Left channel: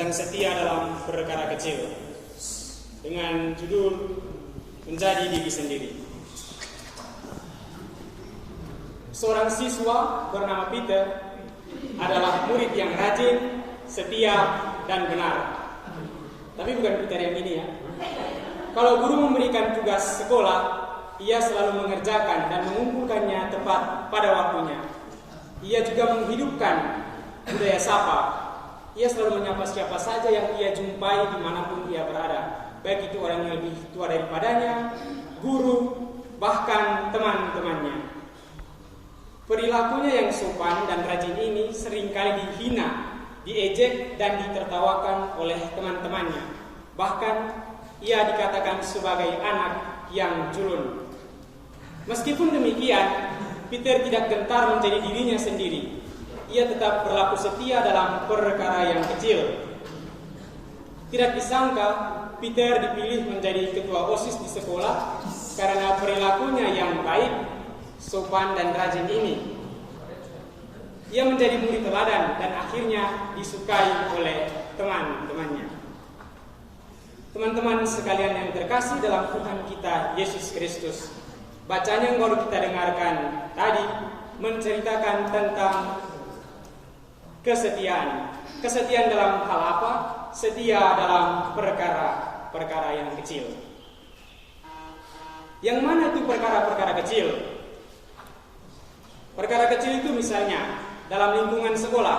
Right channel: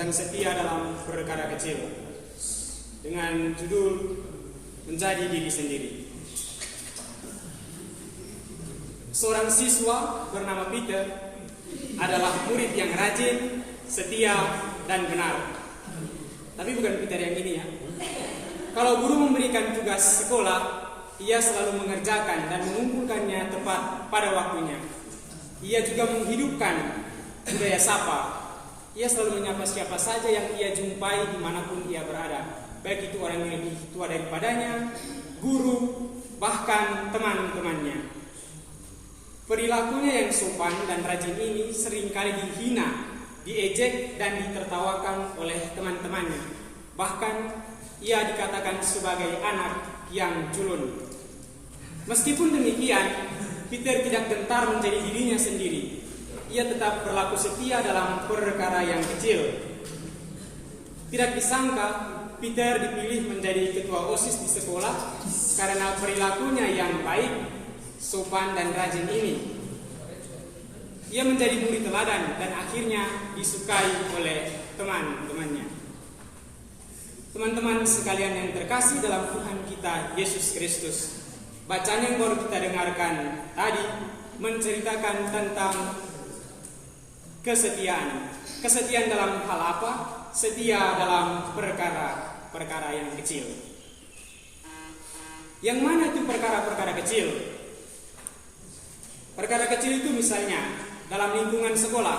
tentang setia dalam perkara kecil dengan judul menjadi diri sendiri. Seorang siswa bernama Peter adalah murid yang rajin, setia, dan benar. Tapi bukan Peter yang ini ya. Kalau guru memberikan tugas sekolah, ia selalu mengerjakan dan mengumpulkannya tepat pada waktunya. Ia juga menghidupkan budaya sapa. Ia selalu menyapa siapa saja yang ia jumpai dimanapun ia berada, baik itu orang yang lebih tua daripadanya, guru, bahkan teman-temannya. Perilakunya yang sopan dan rajin ini seringkali dihina, diejek, dan ditertawakan oleh teman-temannya. Bahkan ia dikatakan sebagai anak yang culun. Meskipun demikian, Peter tidak gentar menjadi dirinya sendiri. Ia tetap berlaku setia dalam perkara yang kecil. Tidak disangka, Peter dipilih menjadi ketua OSIS di sekolah karena perilakunya yang baik, sopan, dan rajin ini. Ia menjadi murid teladan dan akhirnya disukai oleh teman-temannya. Teman-teman sekalian yang terkasih dalam Tuhan kita Yesus Kristus, bacaan yang baru kita dengarkan tadi menceritakan tentang kesetiaan. Kesetiaan dalam hal apa? Setia dalam perkara-perkara yang kecil. Yang mana itu perkara-perkara kecil? Perkara kecil itu misalnya dalam lingkungan sekolah,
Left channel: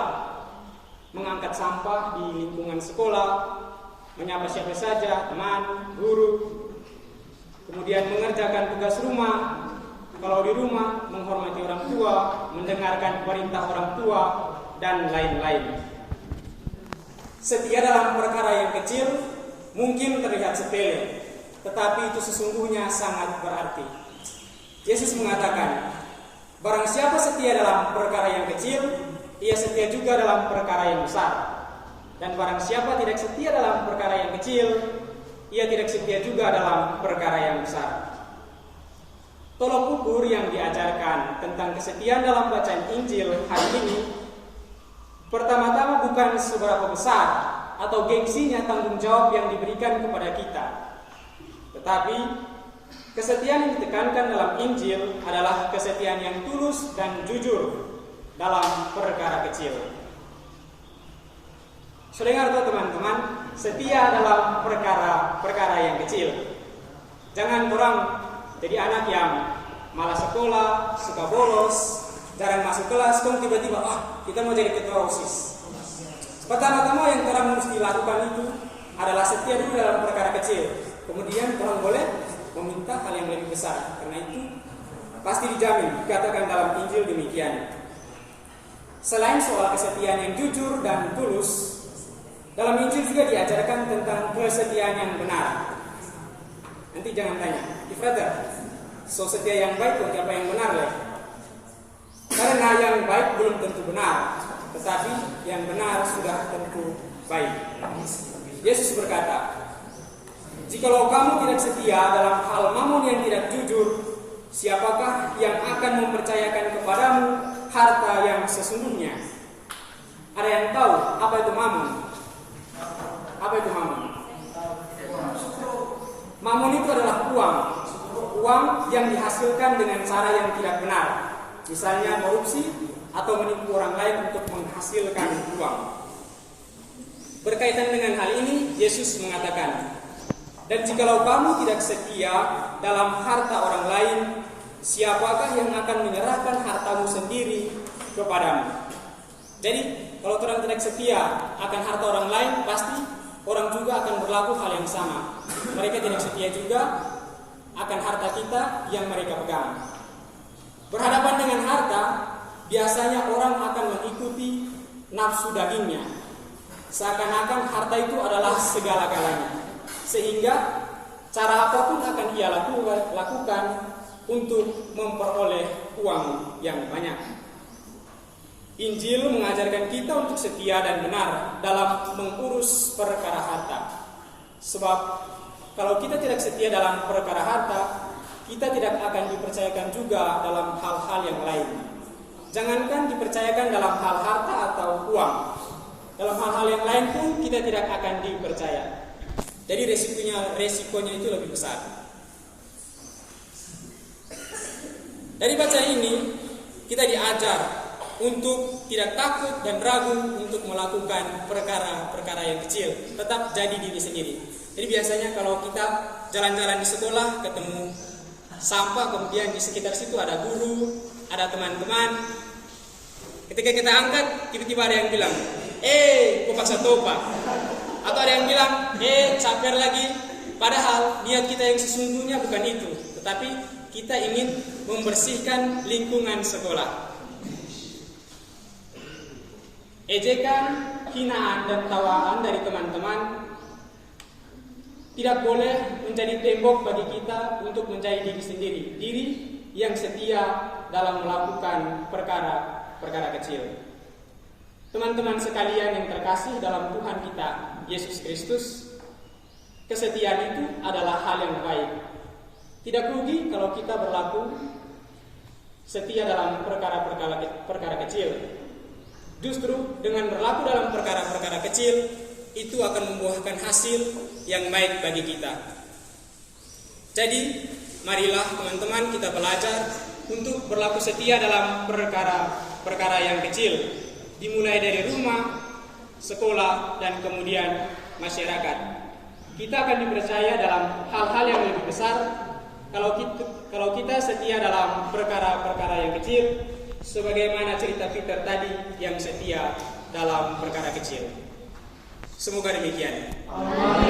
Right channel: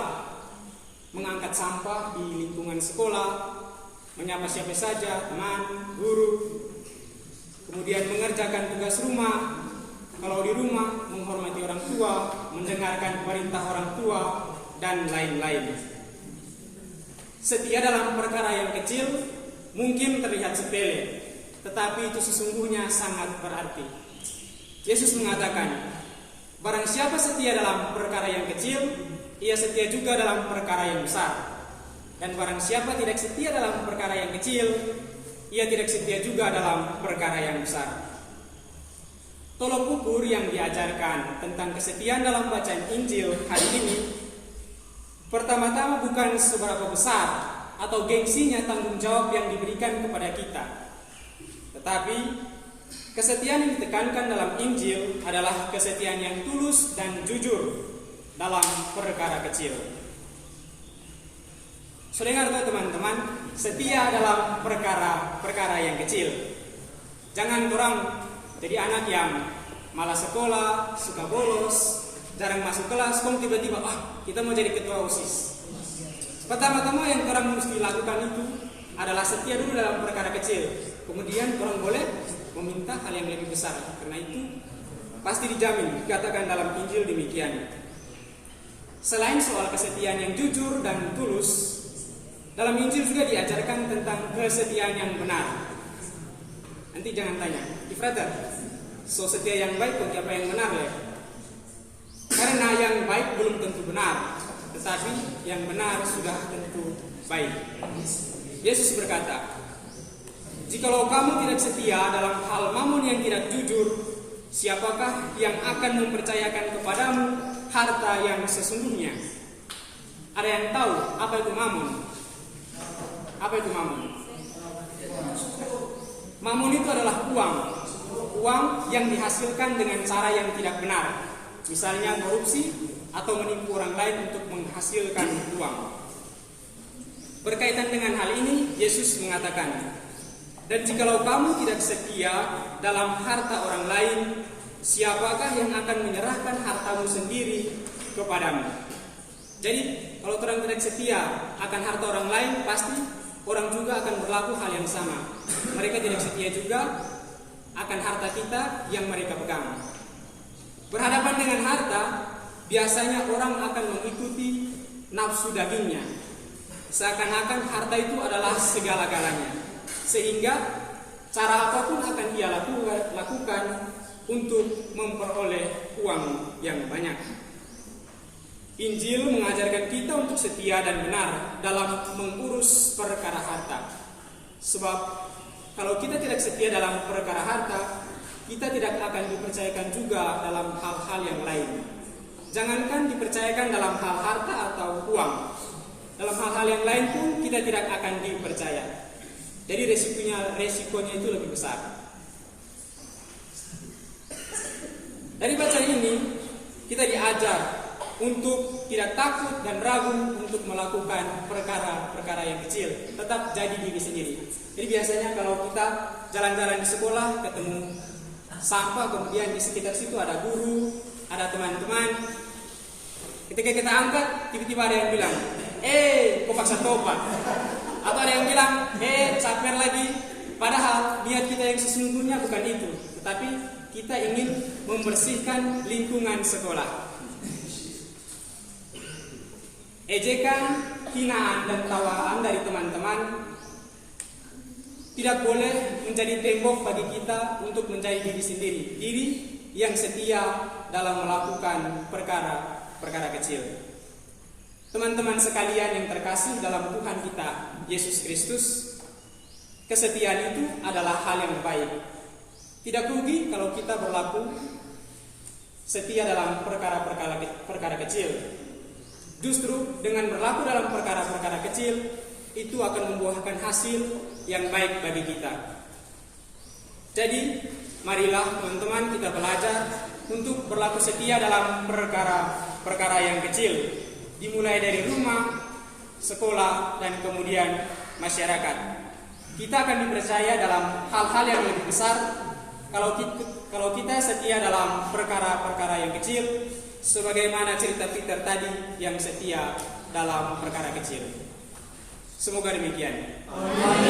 mengangkat sampah di lingkungan sekolah, menyapa siapa saja, teman, guru, kemudian mengerjakan tugas rumah, kalau di rumah menghormati orang tua, mendengarkan perintah orang tua, dan lain-lain. Setia dalam perkara yang kecil mungkin terlihat sepele, tetapi itu sesungguhnya sangat berarti. Yesus mengatakan, barang siapa setia dalam perkara yang kecil, ia setia juga dalam perkara yang besar. Dan barang siapa tidak setia dalam perkara yang kecil, ia tidak setia juga dalam perkara yang besar. Tolok ukur yang diajarkan tentang kesetiaan dalam bacaan Injil hari ini, pertama-tama bukan seberapa besar atau gengsinya tanggung jawab yang diberikan kepada kita. Tetapi kesetiaan yang ditekankan dalam Injil adalah kesetiaan yang tulus dan jujur dalam perkara kecil. Sudah dengar tuh teman-teman, setia dalam perkara yang kecil. Jangan kurang jadi anak yang malas sekolah, suka bolos, jarang masuk kelas, kok tiba-tiba kita mau jadi ketua OSIS. Pertama-tama yang orang mesti lakukan itu adalah setia dulu dalam perkara kecil. Kemudian Tuhan boleh meminta hal yang lebih besar. Karena itu pasti dijamin, dikatakan dalam Injil demikian. Selain soal kesetiaan yang jujur dan tulus, dalam Injil juga diajarkan tentang kesetiaan yang benar. Nanti jangan tanya, Ifrata, so setia yang baik bagi apa yang benar ya? Karena yang baik belum tentu benar, tetapi yang benar sudah tentu baik. Yesus berkata, jikalau kamu tidak setia dalam hal mamon yang tidak jujur, siapakah yang akan mempercayakan kepadamu harta yang sesungguhnya? Ada yang tahu apa itu mamon? Apa itu mamon? Mamon itu adalah uang yang dihasilkan dengan cara yang tidak benar. Misalnya korupsi atau menipu orang lain untuk menghasilkan uang. Berkaitan dengan hal ini, Yesus mengatakan, dan jikalau kamu tidak setia dalam harta orang lain, siapakah yang akan menyerahkan hartamu sendiri kepadamu? Jadi, kalau orang tidak setia akan harta orang lain, pasti orang juga akan berlaku hal yang sama. Mereka tidak setia juga akan harta kita yang mereka pegang. Berhadapan dengan harta, biasanya orang akan mengikuti nafsu dagingnya. Seakan-akan harta itu adalah segala-galanya. Sehingga cara apapun akan ia lakukan untuk memperoleh uang yang banyak. Injil mengajarkan kita untuk setia dan benar dalam mengurus perkara harta. Sebab kalau kita tidak setia dalam perkara harta, kita tidak akan dipercayakan juga dalam hal-hal yang lain. Jangankan dipercayakan dalam hal harta atau uang, dalam hal-hal yang lain pun kita tidak akan dipercaya. Jadi resikonya itu lebih besar. Dari bacaan ini kita diajar untuk tidak takut dan ragu untuk melakukan perkara-perkara yang kecil, tetap jadi diri sendiri. Jadi biasanya kalau kita jalan-jalan di sekolah ketemu sampah, kemudian di sekitar situ ada guru, ada teman-teman. Ketika kita angkat, tiba-tiba ada yang bilang, kok paksa topa? Atau ada yang bilang, saper lagi. Padahal niat kita yang sesungguhnya bukan itu, tetapi kita ingin membersihkan lingkungan sekolah. Ejekan, hinaan, dan tawaan dari teman-teman tidak boleh menjadi tembok bagi kita untuk menjadi diri sendiri, diri yang setia dalam melakukan perkara kecil. Teman-teman sekalian yang terkasih dalam Tuhan kita, Yesus Kristus, kesetiaan itu adalah hal yang baik. Tidak rugi kalau kita berlaku setia dalam perkara kecil. Justru dengan berlaku dalam perkara kecil, itu akan membuahkan hasil yang baik bagi kita. Jadi, marilah teman-teman kita belajar untuk berlaku setia dalam perkara yang kecil, dimulai dari rumah, sekolah, dan kemudian masyarakat. Kita akan dipercaya dalam hal-hal yang lebih besar kalau kita setia dalam perkara-perkara yang kecil, sebagaimana cerita Peter tadi yang setia dalam perkara kecil. Semoga demikian. Amin.